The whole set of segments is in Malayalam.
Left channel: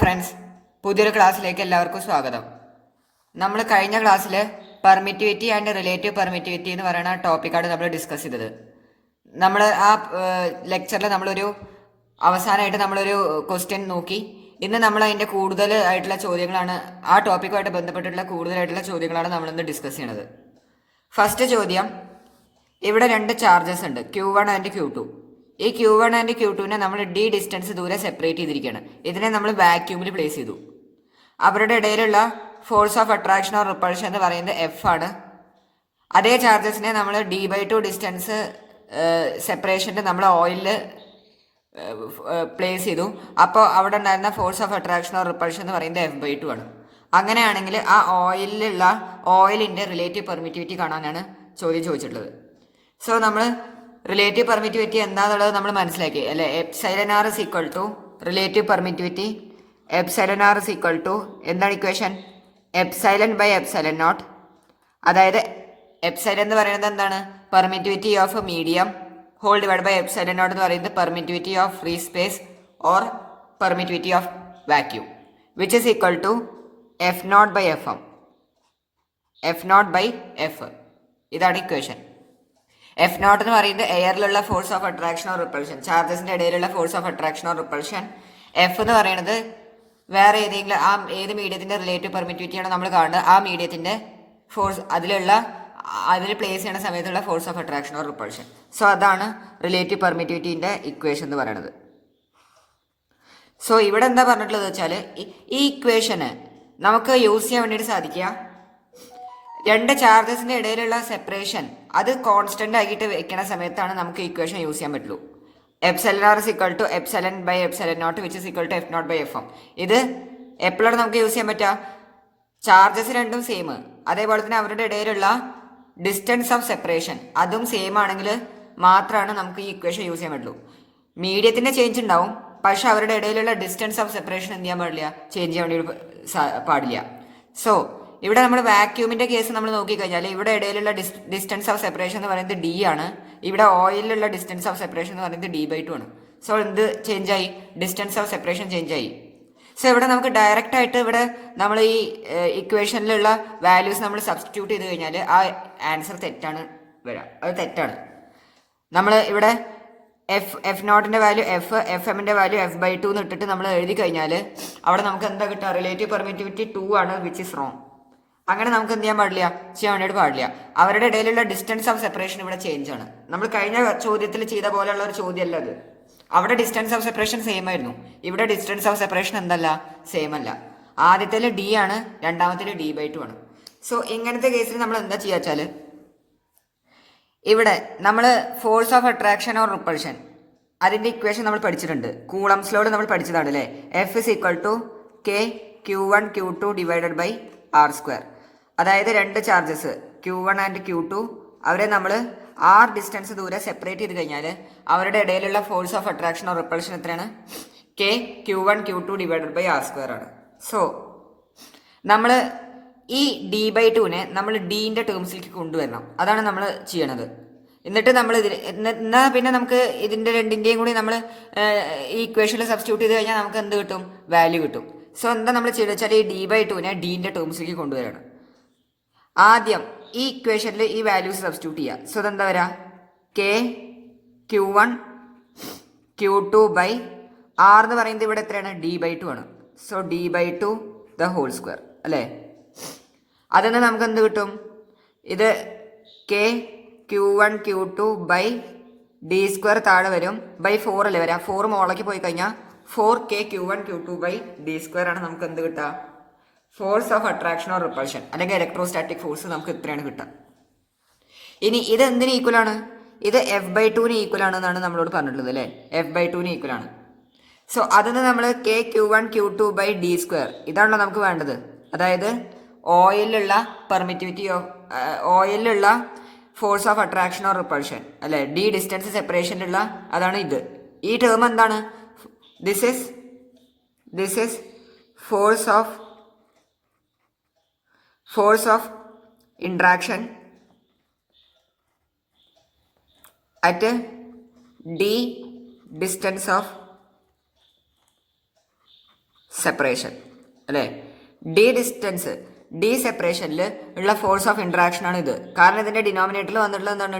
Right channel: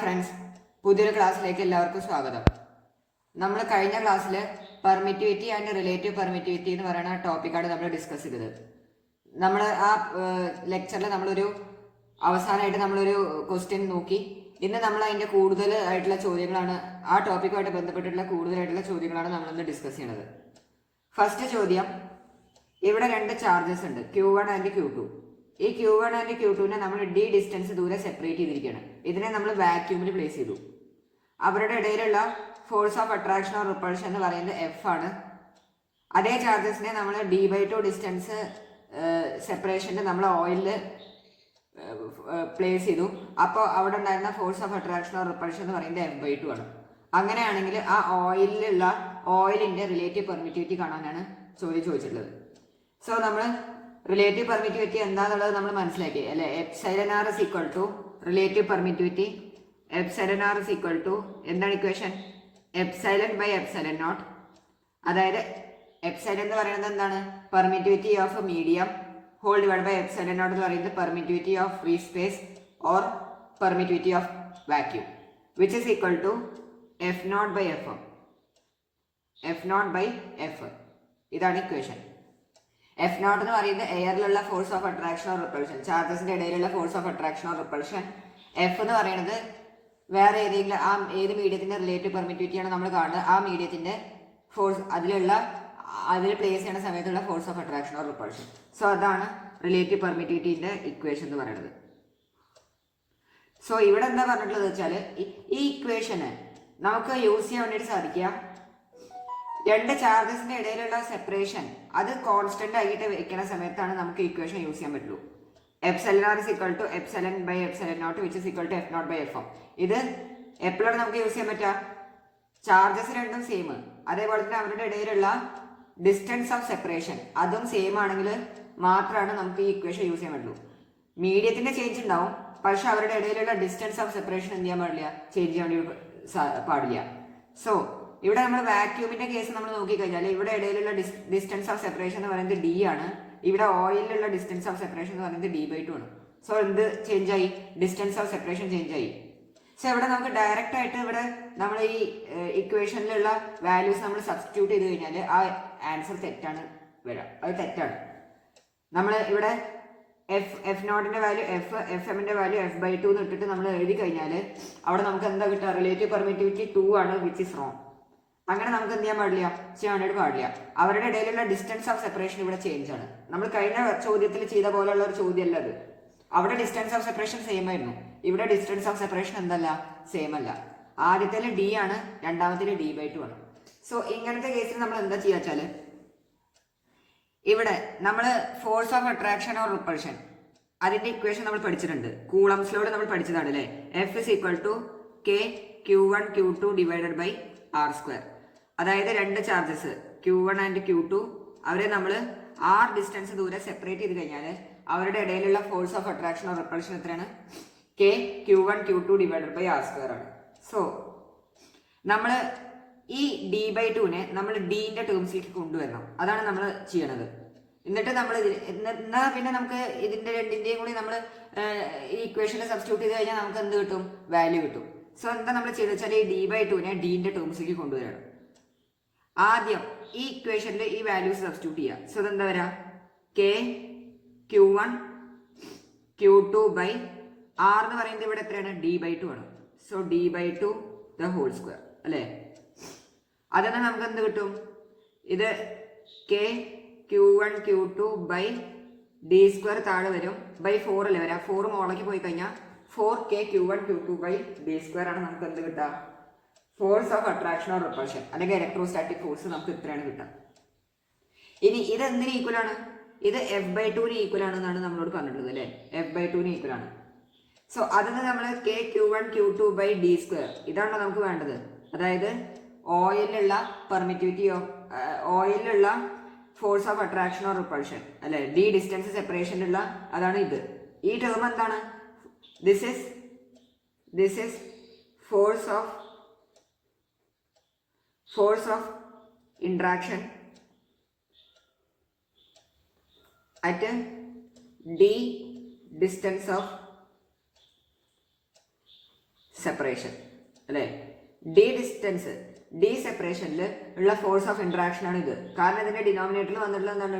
ഫ്രണ്ട്സ്, പുതിയൊരു ക്ലാസ്സിലേക്ക് എല്ലാവർക്കും സ്വാഗതം. നമ്മൾ കഴിഞ്ഞ ക്ലാസ്സിൽ പെർമിറ്റിവിറ്റി ആൻഡ് റിലേറ്റീവ് പെർമിറ്റിവിറ്റി എന്ന് പറയുന്ന ടോപ്പിക്കാണ് നമ്മൾ ഡിസ്കസ് ചെയ്തത്. നമ്മൾ ആ ലെക്ചറിൽ നമ്മളൊരു അവസാനമായിട്ട് നമ്മളൊരു ക്വസ്റ്റ്യൻ നോക്കി. ഇന്ന് നമ്മൾ അതിൻ്റെ കൂടുതൽ ആയിട്ടുള്ള ചോദ്യങ്ങളാണ്, ആ ടോപ്പിക്കുമായിട്ട് ബന്ധപ്പെട്ടിട്ടുള്ള കൂടുതലായിട്ടുള്ള ചോദ്യങ്ങളാണ് നമ്മളിന്ന് ഡിസ്കസ് ചെയ്യണത്. ഫസ്റ്റ് ചോദ്യം, ഇവിടെ രണ്ട് ചാർജസ് ഉണ്ട്, Q1 ആൻഡ് Q2. ഈ Q1 ആൻഡ് Q2നെ നമ്മൾ d ഡിസ്റ്റൻസ് ദൂരെ സെപ്പറേറ്റ് ചെയ്തിരിക്കുകയാണ്. ഇതിനെ നമ്മൾ വാക്യൂമിൽ പ്ലേസ് ചെയ്തു. അവരുടെ ഇടയിലുള്ള force of attraction or repulsion എന്ന് പറയുന്നത് F ആണ്. അതേ ചാർജസിനെ നമ്മൾ d/2 ഡിസ്റ്റൻസ് സെപ്പറേഷനിൽ നമ്മൾ ഓയിലിൽ പ്ലേസ് ചെയ്തു. അപ്പോൾ അവിടെ ഉണ്ടായിരുന്ന force of attraction or repulsion എന്ന് പറയുന്നത് F/2 ആണ്. അങ്ങനെയാണെങ്കിൽ ആ ഓയിലിൻ്റെ റിലേറ്റീവ് പെർമിറ്റിവിറ്റി കാണാനാണ് ചോദ്യം ചോദിച്ചിട്ടുള്ളത്. സോ നമ്മൾ റിലേറ്റീവ് പെർമിറ്റിവിറ്റി എന്താണെന്നുള്ളത് നമ്മൾ മനസ്സിലാക്കി അല്ലേ. Epsilon R is equal to relative permittivity. Epsilon R is equal to എന്താണ് equation? Epsilon by epsilon naught. അതായത് എപ്സൈലൻ എന്ന് പറയുന്നത് എന്താണ്? Permittivity of medium whole divide by epsilon naught എന്ന് പറയുന്നത് permittivity of free space or permittivity of vacuum, which is equal to F naught by F M. F naught by F, ഇതാണ് ഇക്വേഷൻ. എഫ് നോട്ട് എന്ന് പറയുന്നത് എയറിലുള്ള force of attraction or repulsion, ചാർജസിന്റെ ഇടയിലുള്ള force of attraction or repulsion. F എന്ന് പറയുന്നത് വേറെ ഏതെങ്കിലും ഏത് മീഡിയത്തിന്റെ റിലേറ്റീവ് പെർമിറ്റിവിറ്റിയാണ് നമ്മൾ കാണുന്നത്, ആ മീഡിയത്തിന്റെ ഫോഴ്സ് അതിൽ പ്ലേസ് ചെയ്യുന്ന സമയത്തുള്ള force of attraction or repulsion. So അതാണ് റിലേറ്റീവ് പെർമിറ്റിവിറ്റിന്റെ ഇക്വേഷൻ എന്ന് പറയുന്നത്. സോ ഇവിടെ എന്താ പറഞ്ഞിട്ടുള്ളത് വെച്ചാൽ, ഈ ഇക്വേഷന് നമുക്ക് യൂസ് ചെയ്യാൻ വേണ്ടിയിട്ട് സാധിക്കുക, രണ്ട് ചാർജസിന്റെ ഇടയിലുള്ള സെപ്പറേഷൻ അത് കോൺസ്റ്റന്റ് ആയിട്ട് വെക്കുന്ന സമയത്താണ് നമുക്ക് ഇക്വേഷൻ യൂസ് ചെയ്യാൻ പറ്റുള്ളൂ. Epsilon R is equal to epsilon by epsilon naught which is equal to F naught by F M. ഇത് എപ്പോഴാണ് നമുക്ക് യൂസ് ചെയ്യാൻ പറ്റുക? ചാർജസ് രണ്ടും സെയിം, അതേപോലെ തന്നെ അവരുടെ ഇടയിലുള്ള ഡിസ്റ്റൻസ് ഓഫ് സെപ്പറേഷൻ അതും സെയിം ആണെങ്കിൽ മാത്രമാണ് നമുക്ക് ഈ ഇക്വേഷൻ യൂസ് ചെയ്യാൻ പറ്റുള്ളൂ. മീഡിയത്തിന്റെ ചേഞ്ച് ഉണ്ടാവും, പക്ഷെ അവരുടെ ഇടയിലുള്ള ഡിസ്റ്റൻസ് ഓഫ് സെപ്പറേഷൻ എന്ത് ചെയ്യാൻ പാടില്ല, ചേഞ്ച് ചെയ്യാൻ വേണ്ടി പാടില്ല. സോ ഇവിടെ നമ്മൾ വാക്യൂമിന്റെ കേസ് നമ്മൾ നോക്കിക്കഴിഞ്ഞാൽ ഇവിടെ ഇടയിലുള്ള ഡിസ്റ്റൻസ് ഓഫ് സെപ്പറേഷൻ എന്ന് പറയുന്നത് d ആണ്. ഇവിടെ ഓയിലുള്ള ഡിസ്റ്റൻസ് ഓഫ് സെപ്പറേഷൻ എന്ന് പറയുന്നത് d/2 ആണ്. സോ എന്ത് ചേഞ്ച് ആയി? ഡിസ്റ്റൻസ് ഓഫ് സെപ്പറേഷൻ ചേഞ്ച് ആയി. സോ ഇവിടെ നമുക്ക് ഡയറക്റ്റ് ആയിട്ട് ഇവിടെ നമ്മൾ ഈ ഇക്വേഷനിലുള്ള വാല്യൂസ് നമ്മൾ സബ്സ്റ്റിറ്റ്യൂട്ട് ചെയ്ത് കഴിഞ്ഞാൽ ആ ആൻസർ തെറ്റാണ് വരിക. അത് തെറ്റാണ്. നമ്മൾ ഇവിടെ എഫ് നോട്ടിന്റെ വാല്യൂ എഫ് എമ്മിന്റെ വാല്യൂ F/2 എന്ന് ഇട്ടിട്ട് നമ്മൾ എഴുതി കഴിഞ്ഞാൽ അവിടെ നമുക്ക് എന്താ കിട്ടുക? റിലേറ്റീവ് പെർമിറ്റിവിറ്റി 2 ആണ്, വിച്ച് ഇസ് റോങ്. അങ്ങനെ നമുക്ക് എന്ത് ചെയ്യാൻ വേണ്ടിയിട്ട് പാടില്ല. അവരുടെ ഇടയിലുള്ള ഡിസ്റ്റൻസ് ഓഫ് സെപ്പറേഷൻ ഇവിടെ ചേഞ്ച് ആണ്. നമ്മൾ കഴിഞ്ഞ ചോദ്യത്തിൽ ചെയ്ത പോലെയുള്ള ഒരു ചോദ്യമല്ല അത്. അവിടെ ഡിസ്റ്റൻസ് ഓഫ് സെപ്പറേഷൻ സെയിം ആയിരുന്നു, ഇവിടെ ഡിസ്റ്റൻസ് ഓഫ് സെപ്പറേഷൻ എന്തല്ല, സെയിം അല്ല. ആദ്യത്തിൽ d ആണ്, രണ്ടാമത്തിൽ d/2 ആണ്. സോ ഇങ്ങനത്തെ കേസിൽ നമ്മൾ എന്താ ചെയ്യുക വെച്ചാൽ, ഇവിടെ നമ്മൾ force of attraction or repulsion അതിന്റെ ഇക്വേഷൻ നമ്മൾ പഠിച്ചിട്ടുണ്ട്. കൂളംസ് ലോഡ് നമ്മൾ പഠിച്ചതാണ് അല്ലേ. F is equal to K Q1 Q2 divided by R². അതായത് രണ്ട് ചാർജസ് Q1 ആൻഡ് Q2 അവരെ നമ്മൾ r ഡിസ്റ്റൻസ് ദൂരെ സെപ്പറേറ്റ് ചെയ്ത് കഴിഞ്ഞാൽ അവരുടെ ഇടയിലുള്ള force of attraction or repulsion എത്രയാണ്? K Q1 Q2 divided by R² ആണ്. സോ നമ്മൾ ഈ d/2നെ നമ്മൾ ഡിന്റെ ടേംസിലേക്ക് കൊണ്ടുവരണം. അതാണ് നമ്മൾ ചെയ്യണത്. എന്നിട്ട് നമ്മൾ എന്നാൽ പിന്നെ നമുക്ക് ഇതിന്റെ രണ്ടിന്റെയും കൂടി നമ്മൾ ഈ ഇക്വേഷനിൽ സബ്സ്റ്റിറ്റ്യൂട്ട് ചെയ്ത് കഴിഞ്ഞാൽ നമുക്ക് എന്ത് കിട്ടും? വാല്യൂ കിട്ടും. സോ എന്താ നമ്മൾ ചെയ്യുന്നത് വെച്ചാൽ ഈ d/2നെ ഡിന്റെ ടേംസിലേക്ക് കൊണ്ടുവരണം. ആദ്യം ഈ ഇക്വേഷനിൽ ഈ വാല്യൂസ് സബ്സ്റ്റിറ്റ്യൂട്ട് ചെയ്യുക. സോ അതെന്താ വരാ? K Q1 Q2 by R എന്ന് പറയുന്നത് ഇവിടെ എത്രയാണ്? d/2 ആണ്. So d/2 the whole square അല്ലേ. അതെന്ന് നമുക്ക് എന്ത് കിട്ടും? ഇത് K Q1 Q2 by d² താഴെ വരും, ബൈ 4 അല്ലേ വരാം. 4 മോളേക്ക് പോയി കഴിഞ്ഞാൽ 4K Q1 Q2 by d² ആണ് നമുക്ക് എന്ത് കിട്ടുക? Force of attraction or repulsion അല്ലെങ്കിൽ ഇലക്ട്രോസ്റ്റാറ്റിക് ഫോഴ്സ് നമുക്ക് ഇത്രയാണ് കിട്ടുക. ഇനി ഇത് എന്തിന് ഈക്വൽ ആണ്? ഇത് F/2ന് ഈക്വൽ ആണെന്നാണ് നമ്മളോട് പറഞ്ഞിട്ടുള്ളത് അല്ലേ. F/2ന് ഈക്വൽ ആണ്. സോ അതിന് നമ്മൾ K Q1 Q2 by d² ഇതാണല്ലോ നമുക്ക് വേണ്ടത്. അതായത് ഓയിലുള്ള പെർമിറ്റിവിറ്റി ഓയിലുള്ള force of attraction or repulsion അല്ലെ, d ഡിസ്റ്റൻസ് സെപ്പറേഷനിലുള്ള അതാണ് ഇത്. ഈ ടേം എന്താണ്? This is force of interaction at d distance of separation അല്ലേ. ഡി ഡിസ്റ്റൻസ്, ഡി സെപ്പറേഷനിൽ ഉള്ള ഫോഴ്സ് ഓഫ് ഇൻട്രാക്ഷൻ ആണ് ഇത്. കാരണം ഇതിന്റെ ഡിനോമിനേറ്ററിൽ വന്നിട്ടുള്ളത് എന്താണ്,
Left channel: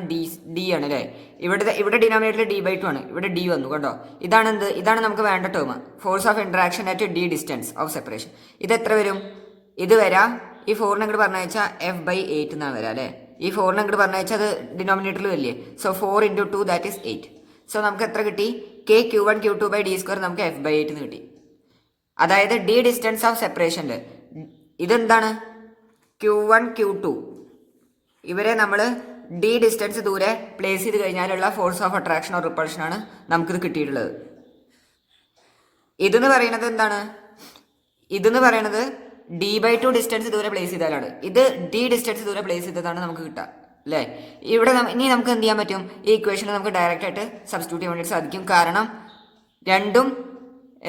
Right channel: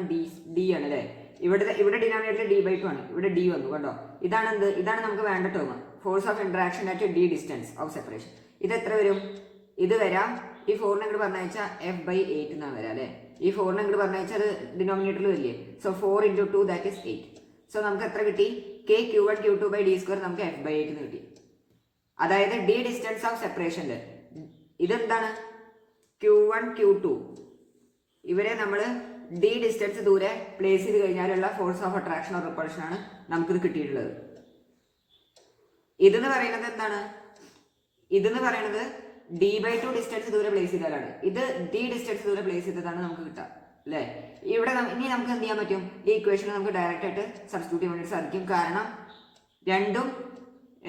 ഡി ആണ് അല്ലേ. ഇവിടെ ഡിനോമിനേറ്ററിൽ d/2 ആണ്, ഇവിടെ d വന്നു കണ്ടോ. ഇതാണ് നമുക്ക് വേണ്ട term, force of interaction at D distance of separation. ഇത് എത്ര വരും, ഇത് വരാം ഈ 4 അങ്ങോട്ട് പറഞ്ഞാൽ f/8 എന്നാണ് വരാം അല്ലേ. ഈ 4 അങ്ങോട്ട് പറഞ്ഞാൽ അത് ഡിനോമിനേറ്ററിൽ വരില്ലേ. So 4 × 2 that is 8. സോ നമുക്ക് എത്ര കിട്ടി, kq1q2/d² നമുക്ക് f/8 എന്ന് കിട്ടി. അതായത് ഡി ഡിസ്റ്റൻസ് ഓഫ് സെപ്പറേഷനിൽ ഇതെന്താണ്, Q1 Q2 ഇവരെ നമ്മൾ ഡി ഡിസ്റ്റൻസ് ദൂരെ പ്ലേസ് ചെയ്ത് കഴിഞ്ഞാലുള്ള force of attraction or repulsion ആണ് നമുക്കിത് കിട്ടിയിട്ടുള്ളത്. ഇതെന്ന് പറയുന്നത് എന്താണ്, ഇതെന്ന് പറയുന്നത് d/2 ഡിസ്റ്റൻസ് ദൂരെ പ്ലേസ് ചെയ്താലാണ്. ഇത് ഡി ഡിസ്റ്റൻസ് ദൂരെ പ്ലേസ് ചെയ്തതാണ് നമുക്ക് കിട്ടുക അല്ലേ. ഇവിടെ ഇനി നമുക്ക് എന്ത് ചെയ്യാൻ പറ്റും, ഈ ഇക്വേഷനിൽ നമുക്ക് ഡയറക്റ്റ് ആയിട്ട് സബ്സ്റ്റിറ്റ്യൂട്ട് ചെയ്യാൻ വേണ്ടി സാധിക്കും. കാരണം രണ്ടും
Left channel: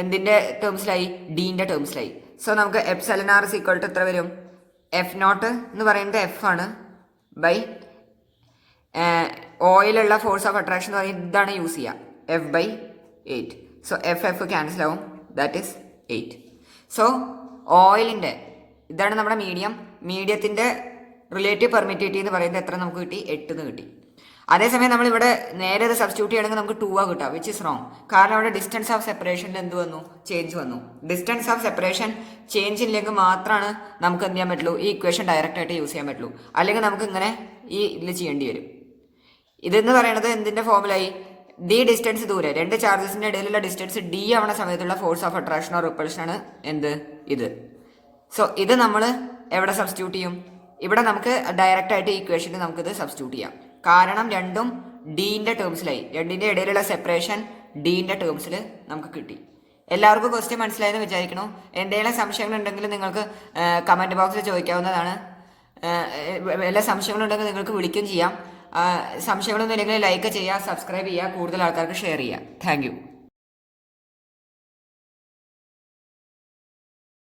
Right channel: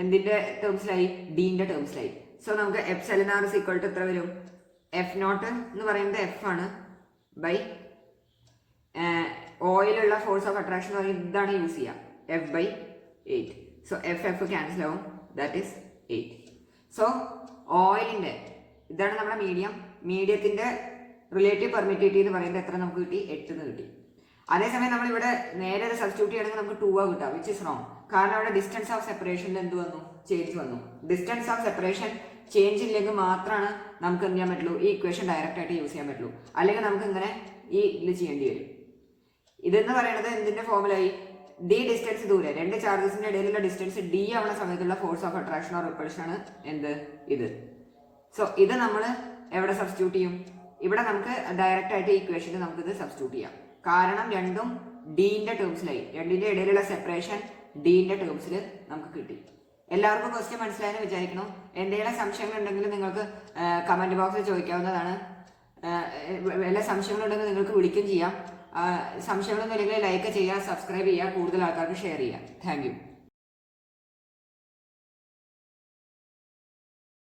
എന്തിൻ്റെ ടേംസിലായി, ഡീൻ്റെ ടേംസിലായി. സോ നമുക്ക് εr = എത്ര വരും, f0 എന്ന് പറയുന്നത് എഫ് ആണ് ബൈ ഓയിലുള്ള ഫോഴ്സ് ഓഫ് അട്രാക്ഷൻ എന്ന് പറയുന്നത് ഇതാണ് യൂസ് ചെയ്യുക, f/8. സോ എഫ് ക്യാൻസൽ ആവും, ദാറ്റ് ഈസ് 8. സോ ഓയിലിൻ്റെ ഇതാണ് നമ്മുടെ മീഡിയത്തിൻ്റെ റിലേറ്റീവ് പെർമിറ്റിവിറ്റി എന്ന് പറയുന്നത് എത്ര നമുക്ക് കിട്ടി, 8 എന്ന് കിട്ടി. അതേസമയം നമ്മളിവിടെ നേരെ അത് സബ്സ്റ്റിറ്റ്യൂട്ട് ചെയ്യണമെങ്കിൽ നമുക്ക് 2 കിട്ടുക, വിച്ച് ഇസ് റോങ്. കാരണം അവിടെ ഡിസ്റ്റൻസ് ഓഫ് സെപ്പറേഷനിൽ എന്ത് വന്നു, ചേഞ്ച് വന്നു. ഡിസ്റ്റൻസ് ഓഫ് സെപ്പറേഷൻ ചേഞ്ച് ഇല്ലെങ്കിൽ മാത്രമാണ് നമുക്ക് എന്ത് ചെയ്യാൻ പറ്റുള്ളൂ, ഈ ഇക്വേഷൻ ഡയറക്റ്റ് ആയിട്ട് യൂസ് ചെയ്യാൻ പറ്റുള്ളൂ. അല്ലെങ്കിൽ നമുക്ക് ഇങ്ങനെ ഈ ഇതിൽ ചെയ്യേണ്ടി വരും. ഇതെന്ന് പറയുന്നത് എന്തിൻ്റെ ഫോമിലായി, ഡി ഡിസ്റ്റൻസ് ദൂരെ രണ്ട് ചാർജസിൻ്റെ ഇടയിലുള്ള ഡിസ്റ്റൻസ് ഡി ആവണ സമയത്തുള്ള force of attraction or repulsion ആണ് എന്ത്, ഇത്. സോ ഇത് നമ്മൾ എവിടെ സബ്സ്റ്റിറ്റ്യൂട്ട് ചെയ്യും, ഇവിടെ നമുക്ക് ഡയറക്റ്റ് ആയിട്ട് ഈ ഇക്വേഷനിൽ നമുക്കിത് സബ്സ്റ്റിറ്റ്യൂട്ട് ചെയ്യാം. കാരണം രണ്ടും ഡീൻ്റെ ടേംസിലായി, രണ്ടിൻ്റെ ഇടയിലുള്ള സെപ്പറേഷൻ ഡീൻ്റെ ടേംസിൽ നമുക്ക് കിട്ടി. എല്ലാവർക്കും ക്വസ്റ്റ്യൻ മനസ്സിലായെന്ന് വിചാരിക്കണു. എന്തെങ്കിലും സംശയങ്ങളുണ്ടെങ്കിൽ നിങ്ങൾക്ക് കമൻറ്റ് ബോക്സിൽ ചോദിക്കാവുന്നതാണ്. എല്ലാ സംശയങ്ങളുണ്ടെങ്കിൽ നിങ്ങൾക്ക് വിളിക്കുകയും ചെയ്യാം. സംശയങ്ങളൊന്നും ഇല്ലെങ്കിൽ ലൈക്ക് ചെയ്യുക, സബ്സ്ക്രൈബ് ചെയ്യുക, കൂടുതൽ ആൾക്കാർക്ക് ഷെയർ ചെയ്യുക. Thank you.